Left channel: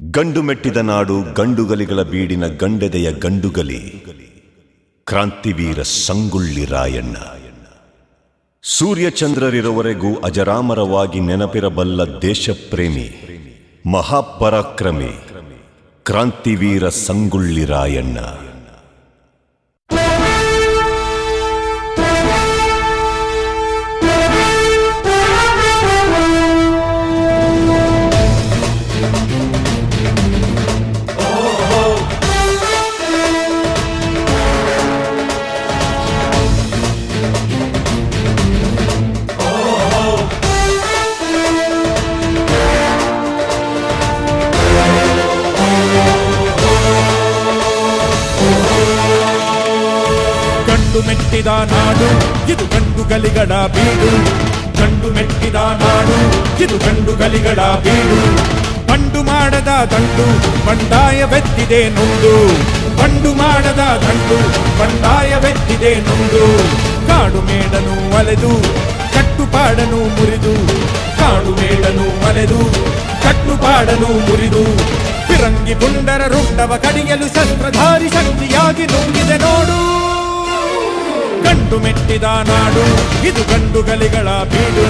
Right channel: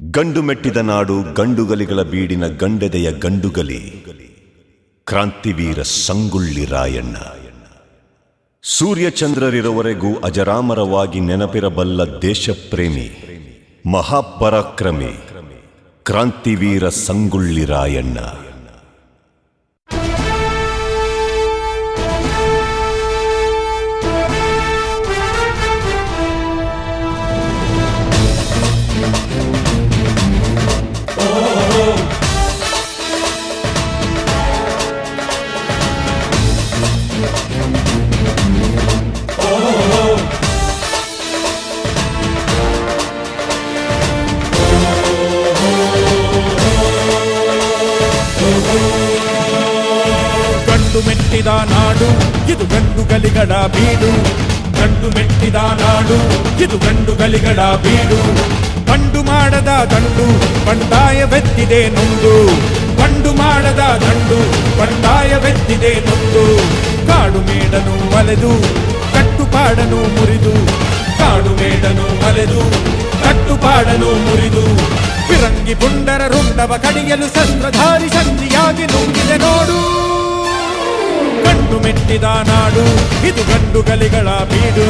ಗಂಡು ಮೆಟ್ಟಿದ ನಾಡು ಗಂಡುಗಲಿಗಳ ಬೀಡಿನ ಗಂಡೆದೆಯ ಗಂಡುಗಲಿ ಕ್ರಾಂತಿವೀರ ಸಂಗೊಳ್ಳಿ ರಾಯಣ್ಣ. ಸೂರ್ಯಚಂದ್ರರಿರುವವರೆಗೂ ಅಜರಾಮರವಾಗಿ ನೆನಪಿರಬಲ್ಲ ದೇಶಪ್ರೇಮಿ ಮಹಾಪರಾಕ್ರಮಿ ಕ್ರಾಂತಿವೀರ ಸಂಗೊಳ್ಳಿ ರಾಯಣ್ಣ. ಗಂಡು ಮೆಟ್ಟಿದ ನಾಡು ಇದು ಗಂಡುಗಲಿಗಳ ಬೀಡು. ಗಂಡು ಮೆಟ್ಟಿದ ನಾಡು ಇದು ಗಂಡುಗಲಿಗಳ ಬೀಡು. ಬಂಡು ಮಾಡದ ದಂಡು ಬಂಡಾಯವೆತ್ತಿದೆ ನೊಂದು. ಬಂಡು ಮಾಡದ ದಂಡು ಬಂಡಾಯವೆತ್ತಿದೆ ನೊಂದು. ಕಾಡು ಮೇಡನು ಅಲೆದು ಕಟ್ಟುಪಾಡನು ಮುರಿದು. ಕಾಡು ಮೇಡನು ಅಲೆದು ಕಟ್ಟುಪಾಡನು ಮುರಿದು. ಫಿರಂಗಿ ಪುಂಡರ ರುಂಡವ ಕಡಿಯಲು ಶಸ್ತ್ರಧಾರಿ ಶಕ್ತಿಯಾಗಿ ನುಂಗಿದೆ ನೋಡು. ಗಂಡು ಮೆಟ್ಟಿದ ನಾಡು ಇದು ಗಂಡುಗಲಿಗಳ ಬೀಡು.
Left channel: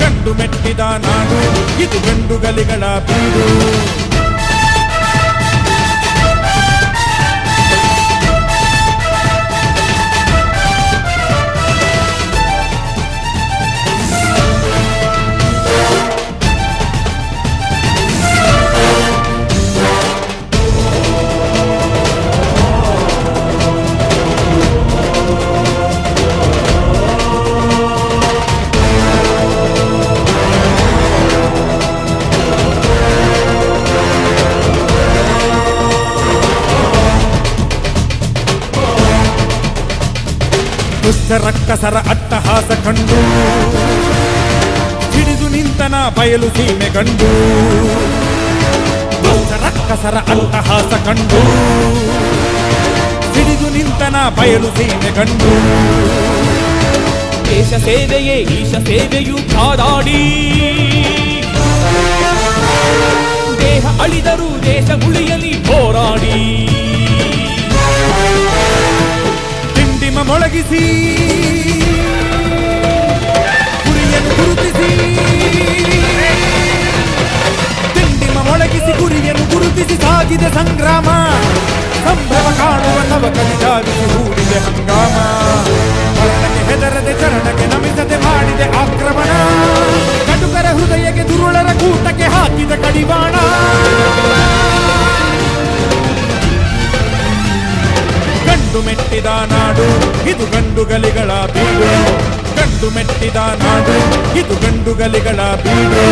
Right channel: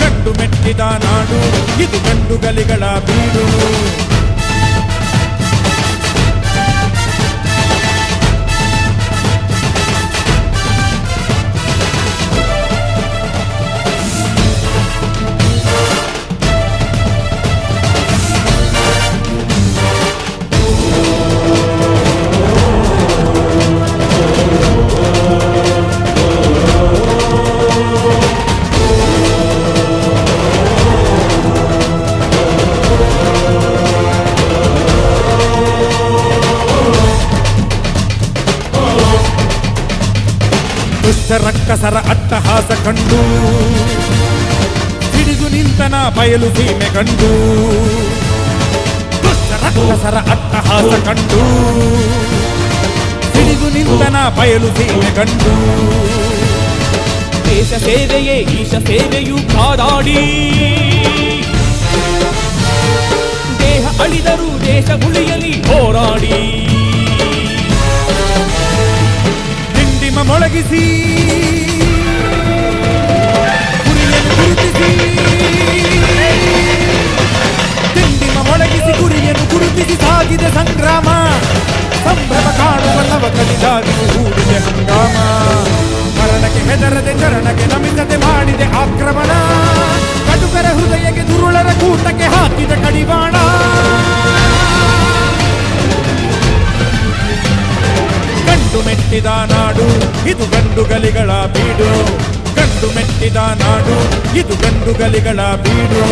ಗಂಡು ಮೆಟ್ಟಿದ ನಾಡು ಇದು ಗಂಡುಗಲಿಗಳ ಬೀಡು. ದುಷ್ಟ ರಕ್ಕಸರ ಅಟ್ಟಹಾಸ ಕಂಡು ಹಿಡಿದು ನಿಂತನ ಬಯಲು ಸೀಮೆ ಗಂಡು. ದುಷ್ಟ ರಕ್ಕಸರ ಅಟ್ಟಹಾಸ ಕಂಡು ಹಿಡಿದು ನಿಂತನ ಬಯಲು ಸೀಮೆ ಗಂಡು. ದೇಶ ಸೇವೆಯೇ ಈಶ ಸೇವೆಯು ಕಾದಾಡಿ. ದೇಹ ಅಳಿದರೂ ದೇಶ ಉಳಿಯಲಿ ಹೋರಾಡಿ. ದಿಂಡಿಮ ಮೊಳಗಿಸಿ ಗುರಿಯನ್ನು ಗುರುತಿಸಿ. ದಿಂಡಿಮ ಮೊಳಗಿಸಿ ಗುರಿಯನ್ನು ಗುರುತಿಸಿ ಸಾಗಿದೆ ಸಂಗ್ರಾಮ. ಸಂಭ್ರಮ ಕಾಣುವ ತವಕದಿ ಧಾವಿಸಿ ಹೂಡಿದೆ ಹಂಗಾಮ. ಮರಣಕ್ಕೆ ಹೆದರದೆ ಚರಣಕ್ಕೆ ನಮಿಸದೆ ಮಾಡಿದೆ ಆಕ್ರಮಣ. ಕಟುಕರ ಹೃದಯಕ್ಕೆ ದುರುಳರ ಕೂಟಕ್ಕೆ ಹಾಕಿದ ಕಡಿವಾಣ. ಗಂಡು ಮೆಟ್ಟಿದ ನಾಡು ಇದು ಗಂಡುಗಲಿಗಳ ಬೀಡು. ಗಂಡು ಮೆಟ್ಟಿದ ನಾಡು ಇದು ಗಂಡುಗಲಿಗಳ ಬೀಡು.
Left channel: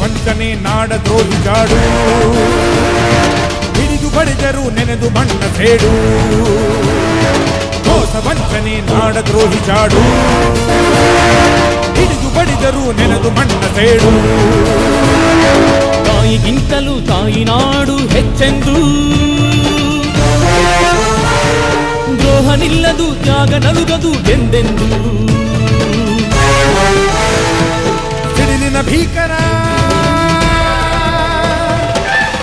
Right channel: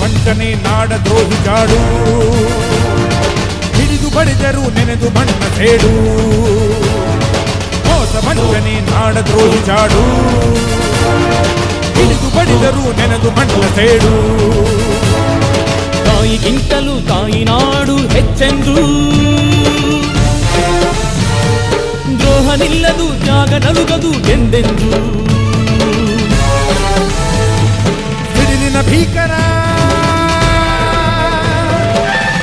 ವಂಚನೆ ನಾಡ ದ್ರೋಹಿ ಜಾಡು. ಹಿಡಿದು ಬಡಿದರು ನೆನೆದು ಮಣ್ಣ ಸೇಡು. ಮೋಸ ವಂಚನೆ ನಾಡ ದ್ರೋಹಿ ಜಾಡು. ಹಿಡಿದು ಬಡಿದರು ನೆನೆದು ಮಣ್ಣ ಸೇಡು. ತಾಯಿಗಿಂತಲೂ ತಾಯಿ ನಾಡು ಹೆಚ್ಚೆಂದು. ದ್ರೋಹ ನಿಲ್ಲದು ತ್ಯಾಗ ನಲುಗದು ಎಂದೆಂದು. ಸಿಡಿಲಿನ ಭೀಕರ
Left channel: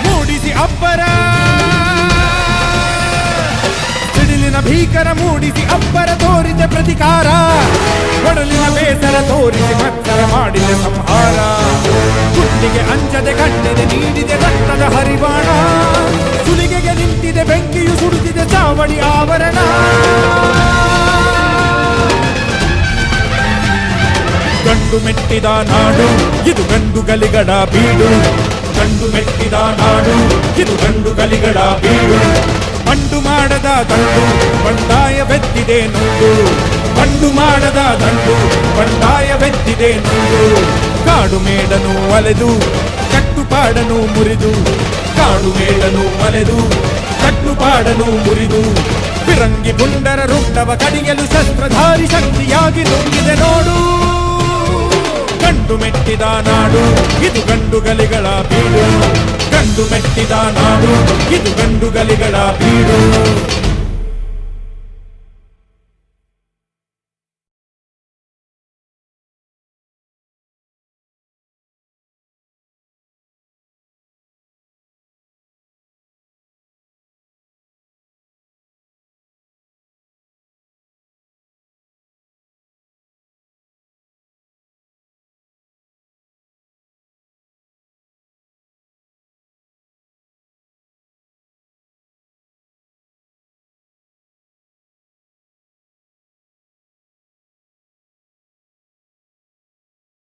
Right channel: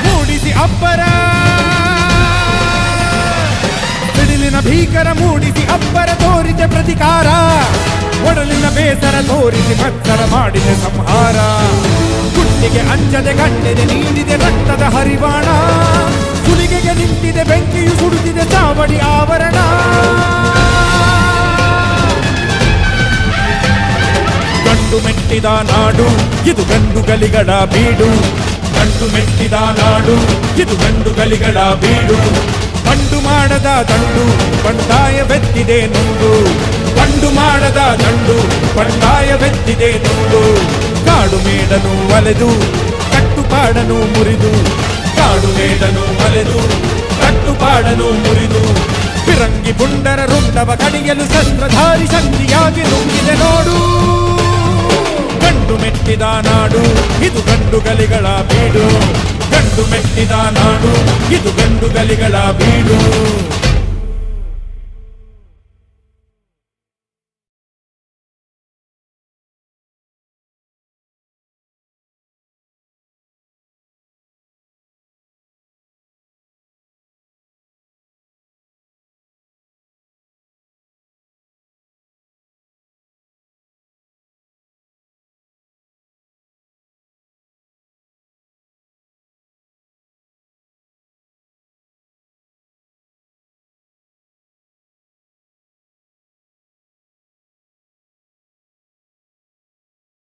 ಮೂಡಿಸಿ ಅಬ್ಬರ. ಸಿಡಿಲಿನ ಭೀಕರ ಮೂಡಿಸಿ ಅಬ್ಬರ ತೋರಿದೆ ಪ್ರತಿಕಾರ. ಒಡಲಿನ ಬೇಸರ ತೋರಿಸಿ ಮತ್ಸರ ಮಾಡಿದೆ ಸಂಹಾರ. ಗುಂಡಿಗೆ ಅಂಜದೆ ಗಂಡೆದೆ ನೀಡಿದೆ ರಕ್ತದ ಹರಿವಾಣ. ಸುಲಿಗೆಗೆ ನಿಂತಿದೆ ಬೆಂಕಿಯು ಸುಡುತ್ತಿದೆ ಚಾವಡಿ ಆವರಣ. ಗಂಡು ಮೆಟ್ಟಿದ ನಾಡು ಇದು ಗಂಡುಗಲಿಗಳ ಬೀಡು. ಗಂಡು ಮೆಟ್ಟಿದ ನಾಡು ಇದು ಗಂಡುಗಲಿಗಳ ಬೀಡು. ಬಂಡು ಮಾಡದ ದಂಡು ಬಂಡಾಯವೆತ್ತಿದೆ ನೊಂದು, ಬಂಡು ಮಾಡದ ದಂಡು ಬಂಡಾಯವೆತ್ತಿದೆ ನೊಂದು. ಕಾಡು ಮೇಡನು ಅಲೆದು ಕಟ್ಟುಪಾಡನು ಮುರಿದು, ಕಾಡು ಮೇಡನು ಅಲೆದು ಕಟ್ಟುಪಾಡನು ಮುರಿದು, ಫಿರಂಗಿ ಪುಂಡರ ರುಂಡವ ಕಡಿಯಲು ಶಸ್ತ್ರಧಾರಿ ಶಕ್ತಿಯಾಗಿ ನುಂಗಿದೆ ನೋಡು. ಗಂಡು ಮೆಟ್ಟಿದ ನಾಡು ಇದು ಗಂಡುಗಲಿಗಳ ಬೀಡು, ಗಂಡು ಮೆಟ್ಟಿದ ನಾಡು ಇದು ಗಂಡುಗಲಿಗಳ ಬೀಡು.